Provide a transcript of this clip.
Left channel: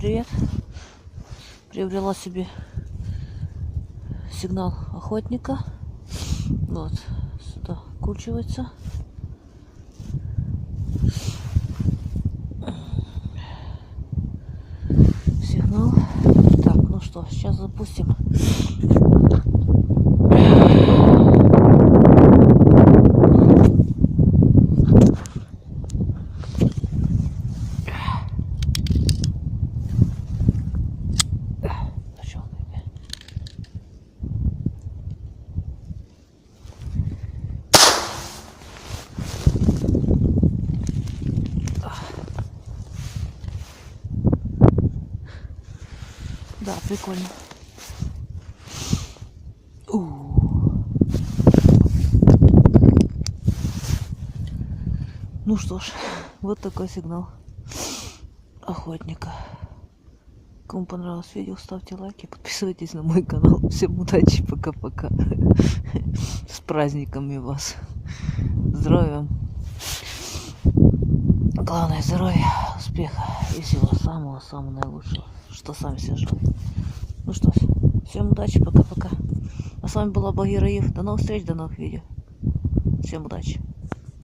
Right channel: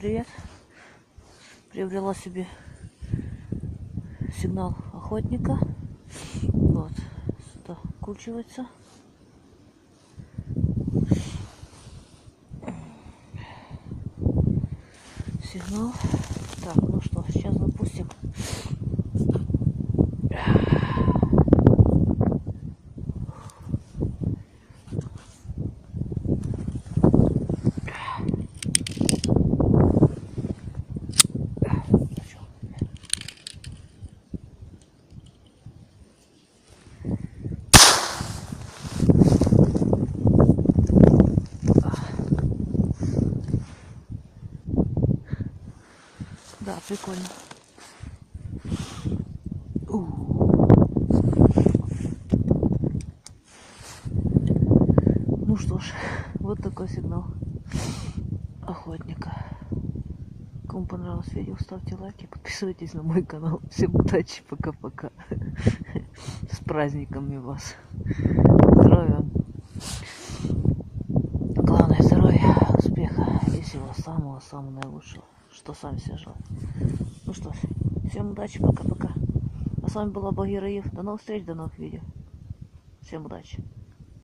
привет! Приобрела себе сигнал охотника. Вот, сюда вкручивается. Сигнал. Так, ну что, сейчас запустим. Да, прикольно. Ну что ж, вот такой сигнал охотника. Кому понравилось видео, ставьте лайки, подписывайтесь на мой канал. Всем удачи, пока-пока. С праздниками вас. Здоровья. Главное здоровья, успеха и всего самого-самого наилучшего, что сам себе желаю. Ну что ж, всем удачи, пока-пока. А с вами была Багира Ев. До новых встреч, до новых видео. Всем удачи.